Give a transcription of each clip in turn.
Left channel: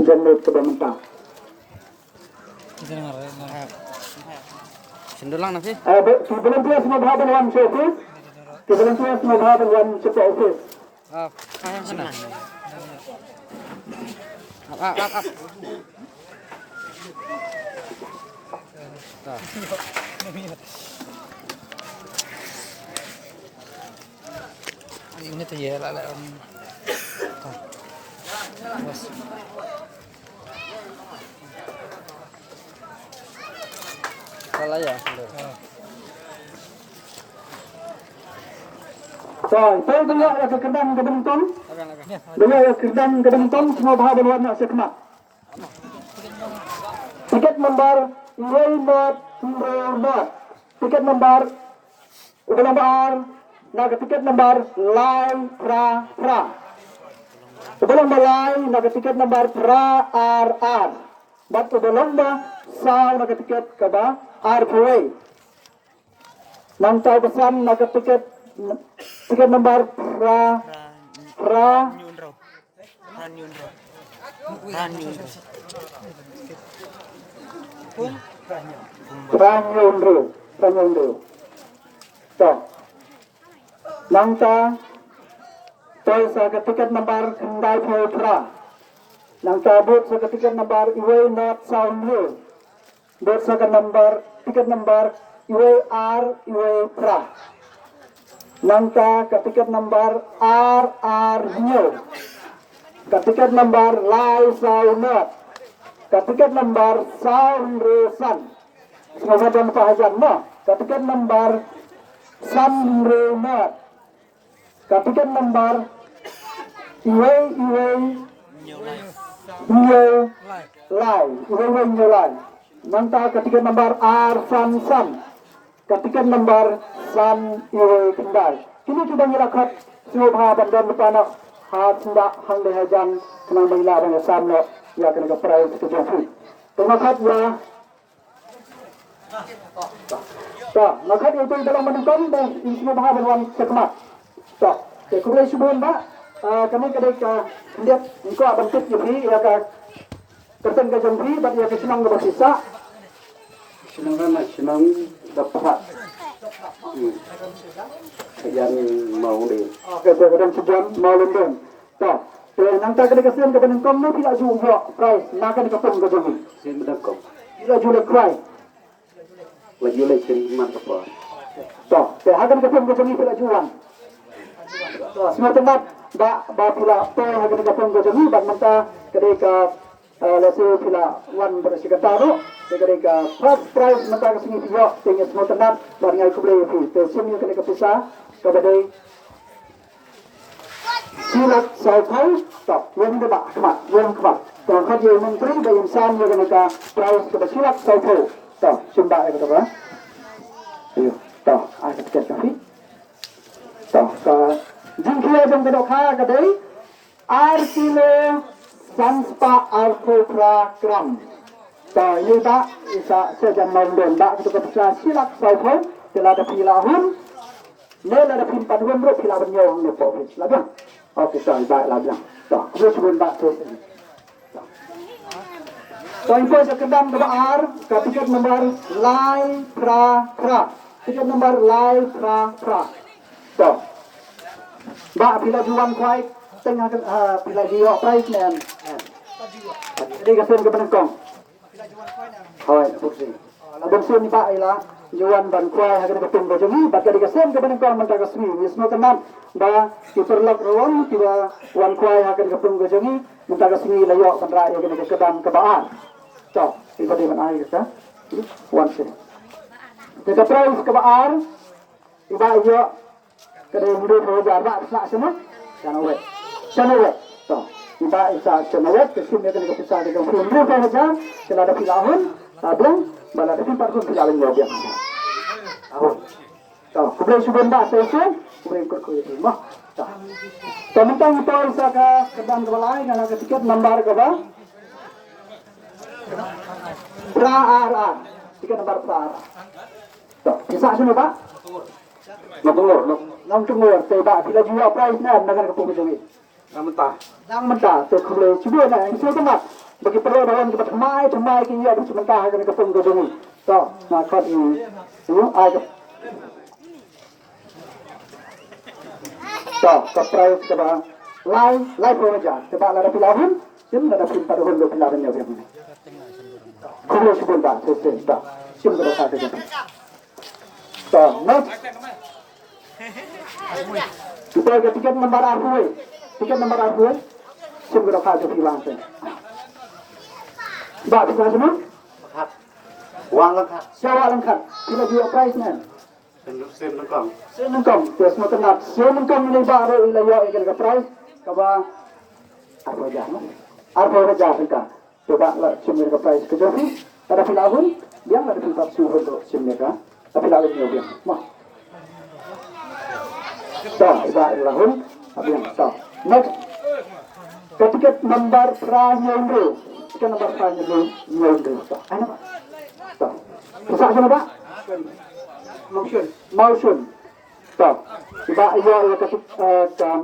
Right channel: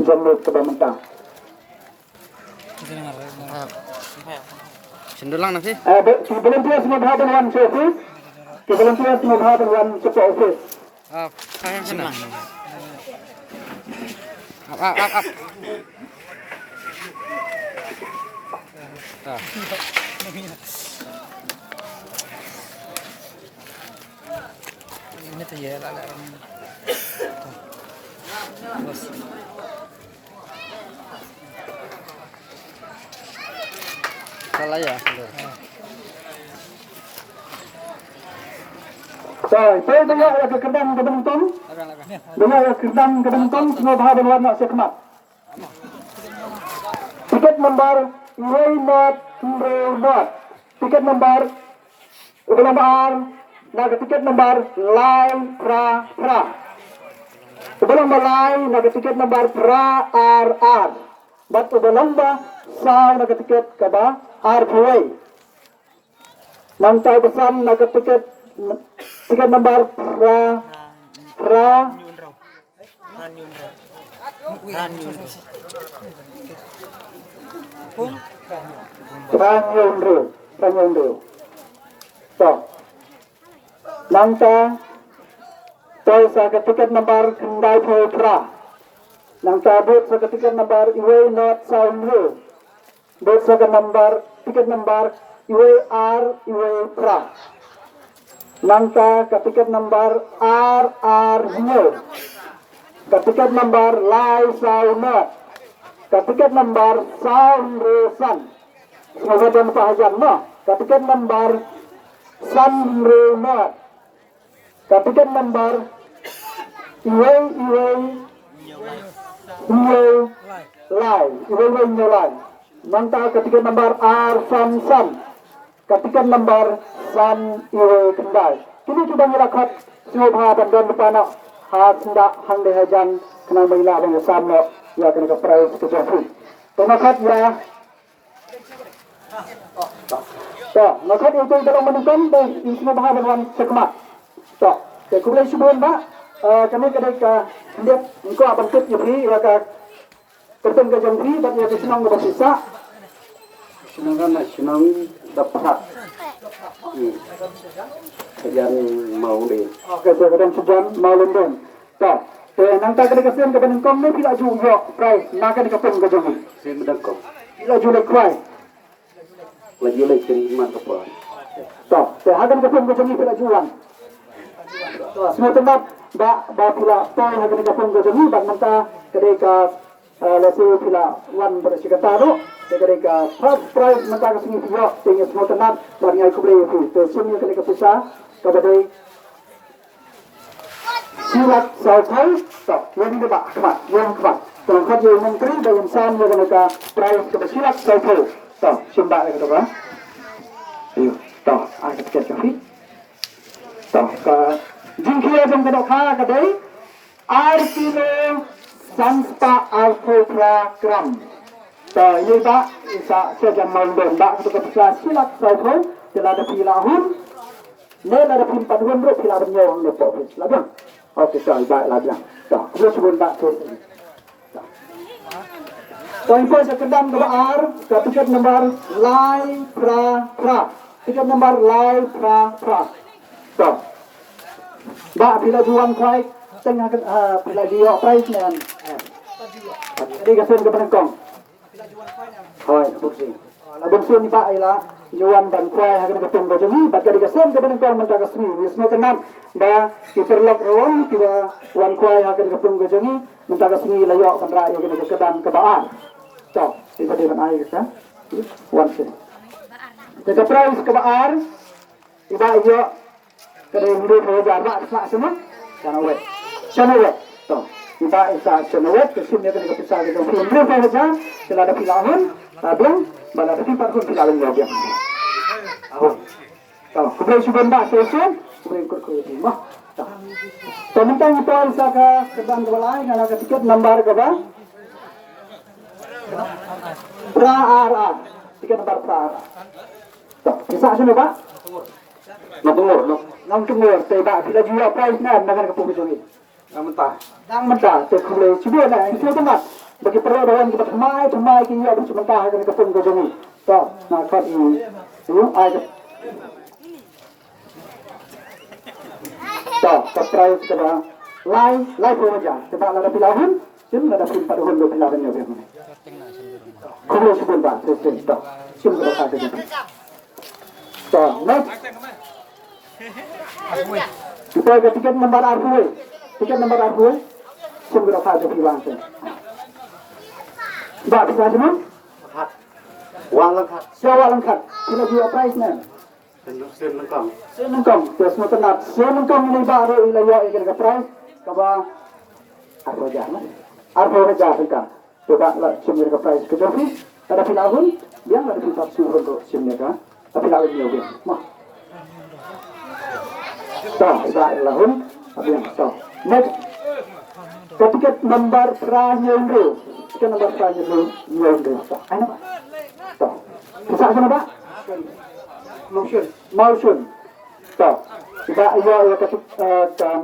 Jangan ke mentang. Sendulang nanti. Sebelum dia semua bahagian wan office. Sebelum dia semua bahagian wan support office. Kaya sana. Up. Ini tuh ya lah. Salah ya. Saya dengar ke kedang kedentong. Dengar ke kedang kedentong semua bahagian warna sekmat. Tiket nomor Raymond Raymond. Tiket nomor naga tiket nomor Lai Pra. Sebelum mulai naga tiket nomor Pra RR. Bat sebelum sa naga tiket kaba RPA. Nanti pesan naga tiket nomor Pra Ranyunru. So, Langta sa tiket nomor Kendai Pra. Langta bot sa tiket nomor Iwe Not Soundhu. Bot sa tiket nomor Iwe R Iwe Pra. Langta tiket nomor RR New. Tiket nomor Lai Saunat. Tiket nomor Soundrusan. Semoga dia mufahajan no. Tiket nomor Samrumat. Tiket nomor Iwe Lai. Nanti tiket nomor Arsan. Tiket nomor San Iwe Kendai. Kini kita melakukan semua bahagian dan lupa nak hendak hang hajan kenal mengilah dengan sama ya kena ke price kejafu. Terima kasih ya. Ya, maka itu dalam menentukan di semua bahagian sekmat. So, kemudian sebelum Pak, kami lihat engkau akan tip lebih rata tertentu ke jempri, tapi yang senang bersisa. Senang dapat. Yang mau deh. Oke, kemudian sejam mau lembong. So, nanti kena kesian ke penengkong ni tidak juga price, nak kena kepung ke jempri. Saya mendengkong. Tidak juga price. Lagi kiriman apa? So, akan kepung ke jempri tidak jualan. Semua tempat ba pula akan kepung ke jempri, dan nanti ketika lesu pula wan bersikataru. Ketika first prize nanti kesini juga tinggal semua tempat dan ngai kubri itu. Semua kena kepisah kepada silat sahaja. Stop. Yang kedua kemat. Tengah je menteri dan insan yang kena prize kepada silat sahaja. Stop. Simba yang kedua. Ayo. Stop. Akan tiket kafi. Stop. Jingkia yang kedua kedai. Arkilo Sanspa Alpha Gram. So, ini tak bisa sejam malam tak ketika percaya silap sahaja telah ada pilahun, nel ada pimpan wendro pilah benyong lepok lagi. Okey, so baik lagi. So, kemudian sebelum tak tu. So, info sekedar kebar, tiket nomor Lai Pra. Tiket nomor Lai Pra. So, tak bila jual kuai tengah bila jual price ni. Jadi kesan ke penengkong. Oi, fungsi. Labon sun pa ila juan ban kuai hagan betung bajungi baca dikasem ke benang kuai mentah kasmi. Wisma tenan ba interlock rawang tiba wan kuai hagan betung bajungi mentah kasmi layok kendra yang kena kesedang kebaan. Cok, iba di mana air ka? Wan sin. Jika price kebaan iba yo kena hidup roja mak semua. Sana wet. So, iba isa sonawet kesimnya kena kepisah dengan film saja telah ada pilahun tabung bala ada tempat pun pilahun dia. So, kemudian sudah mbak selesai kemudian ikut ke rumah. So, tentang itu isa ke sedang kebelai kalau ke tiket nomor ke apa? Pra. Tiket nomor Pra. So, bisa sini Pak? Nang tunggu. Saya Pak, bila jual price na dengan kepung itu. Dang mentah tu boleh cuba nak semua tempat bagi perlawanan kita themai kita harus mentah kan kita pun kejung tu nak kat ini ada tu kaprai kita lai pun aja kita ada pilahun sim ada pun pada hulu pilahun ni apa boleh cuba tu sim kita kata tu next kita ke tiket nombor arhu tiket nombor arhu sumber kata pilang tu dah bisa semua Wang lengkap. siapa lengkap kita jual price ni Sen lengkap. senengkam terus makan senengkam ni baru ilawa ikan ke price kaba arhu aja kita coba lah sumber ke price ke jadi ada pilahun dia ada pilih suruh untuk sumber ka tapi lalu dia mah tak ada lahun tapi yang tak next tiket nomor Pranyondo tiket nomor Pranyondo tak ada apa tak bisa sana pak motion tak tidak ia ke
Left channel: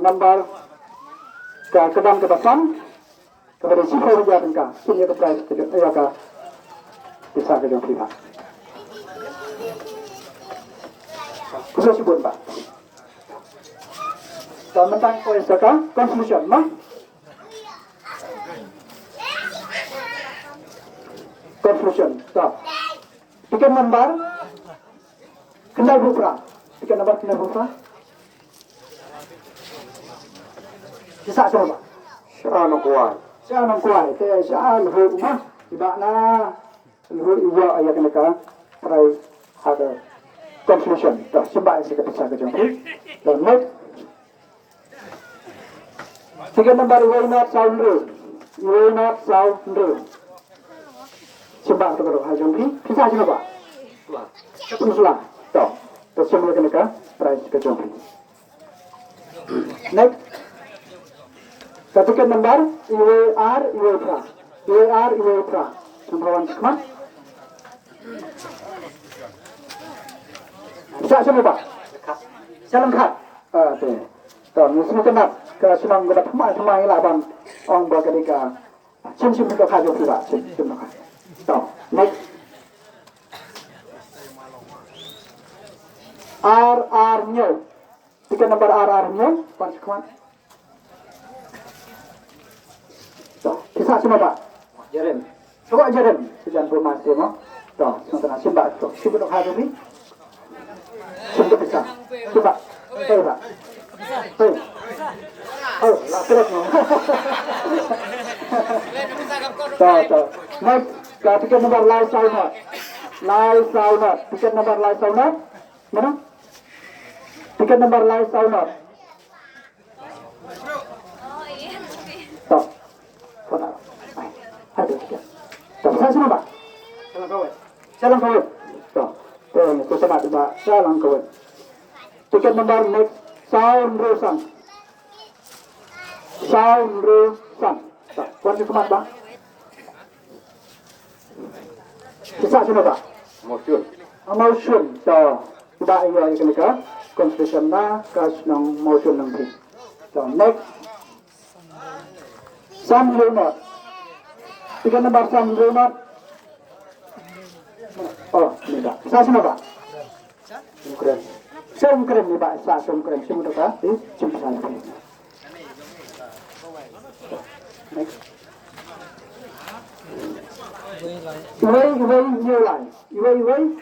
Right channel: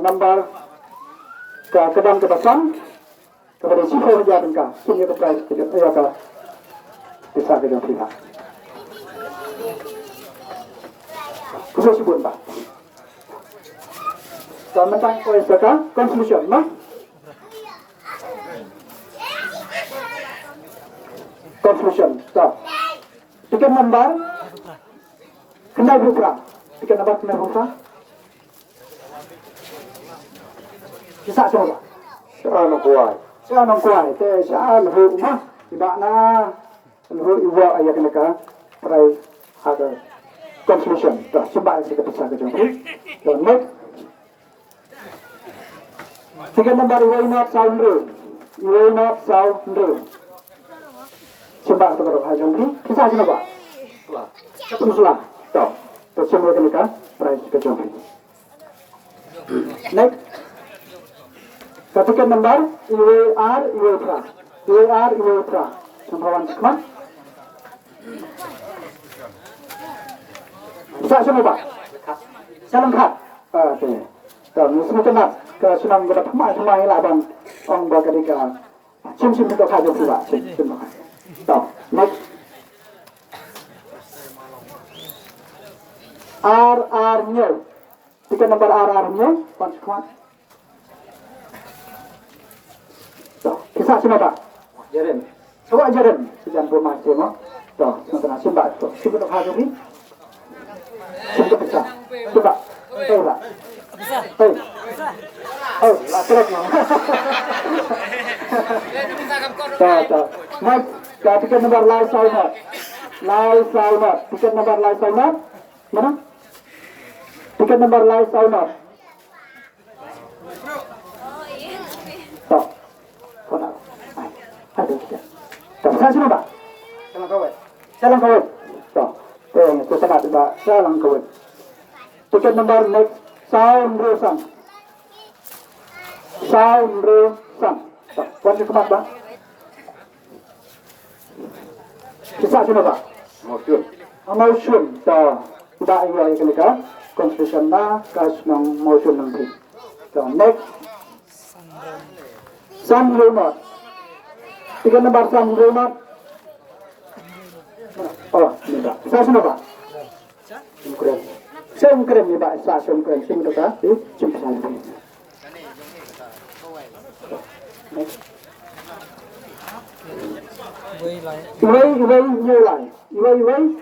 nomor ke kedam ke depan kepada siapa saja mereka sini ke price ke ia ke bisa ke dalam pihak khusus sebut pak dan mentang sekarang conclusion mah conclusion so tiket nomor kendal buka tiket nomor kendal buka bisa coba Ano kuai. saya nak kuai teh saya luhur mah tidak na luhur iwa ayat mereka perai ada conclusion dah sebab saya bisa ke jumpa dan next tiket nomor way not sound sebab tu baru hajam ni bisa je nampak selang tu terus semua mereka price ke jumpa next tiket nomor UAR sembawan sekeman bisa semua pak saya lengkap tu semua kenal ke senang kita themai lah bang orang berketika sim kita kaji pula sim tak next RR nya tiket nomor RR nya pancuan tak bisa semua pak Jaren. coba jalan jangan bermati mah tak nak sim pak sim kita kaji ni sim kita bisa coba pak oh, lah terus no. Tak. Next, tiket nomor live sauna. Tiket nomor live sauna. Mana? Tiket nomor live sauna. Tak. Mana? Ada tiket. Tak, saya semua pak. Salam kawat. Tak. Itu sangat pak. Salam kawat. Tiket nomor next. Sound Rosan. Tak, puan di kemas bang. Bisa semua pak. Motion. Tak, tidak ia kita konstitusi na kas nang motion nang beri. Tak, next. Sun Remote. Tiga nomor Sun Remote. Oh, ini pak. Bisa semua pak. Keren. Sengkrim ni tak sah sengkrim sing tu ka jumpa sana. Iway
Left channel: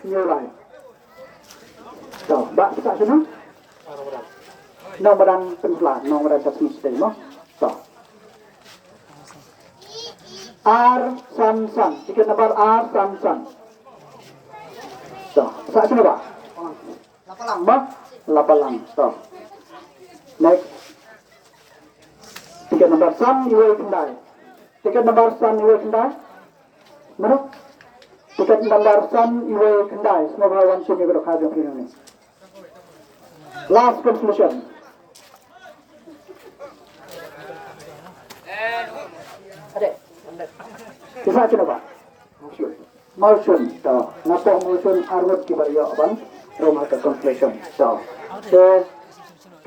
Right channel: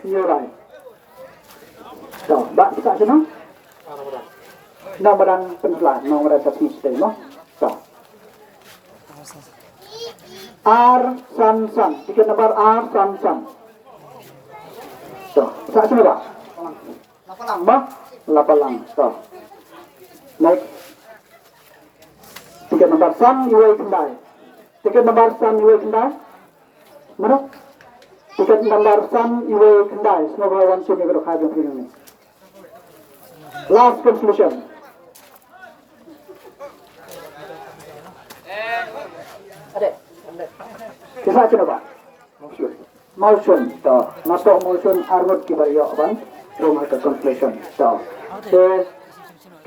new line. So, bak kita sana. Nombor penselah, nombor subscribe stay no. So. R San. Tiket nomor R San. So, sah sana pak. Lapalang. So. Next. Tiket nomor San Iway Kendai. Mana? Tiket nomor San Iway Kendai. Semua bahawan sini berok hajam ini. Last conclusion. Ada. Kisah cina pak. Motion. So. Nato motion arwad kibaryo bang. Rumah ke conclusion. So,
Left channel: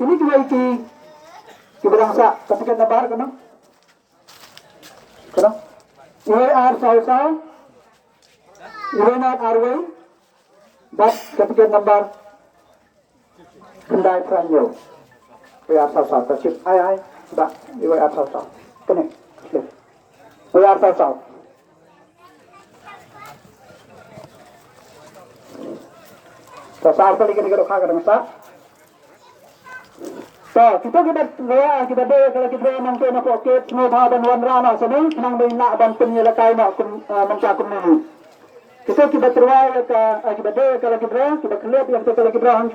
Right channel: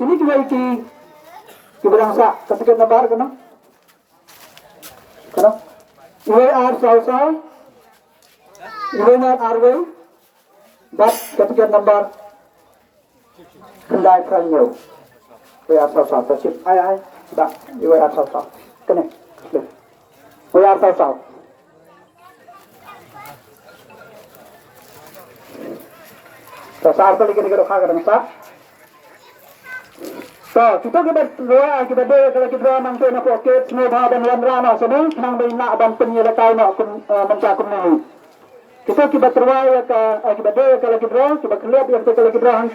ini Kita rangsa, ketiket nomor kena. Kena. We are Sausa. We not are we. But ketiket nomor kendai Franyo. We are Sausa. Tercip, ai. Dah, we are Sausa. Kena. We are Sausa. Sausa apa lagi kita kagak rangsa. So, kita deh kalau kita nanti nak poket semua bahan dan rana sini, nang bina dan penyelakai nak mencakap ni. Kita terwai kita deh kalau kita lihat yang kalau kita hantar.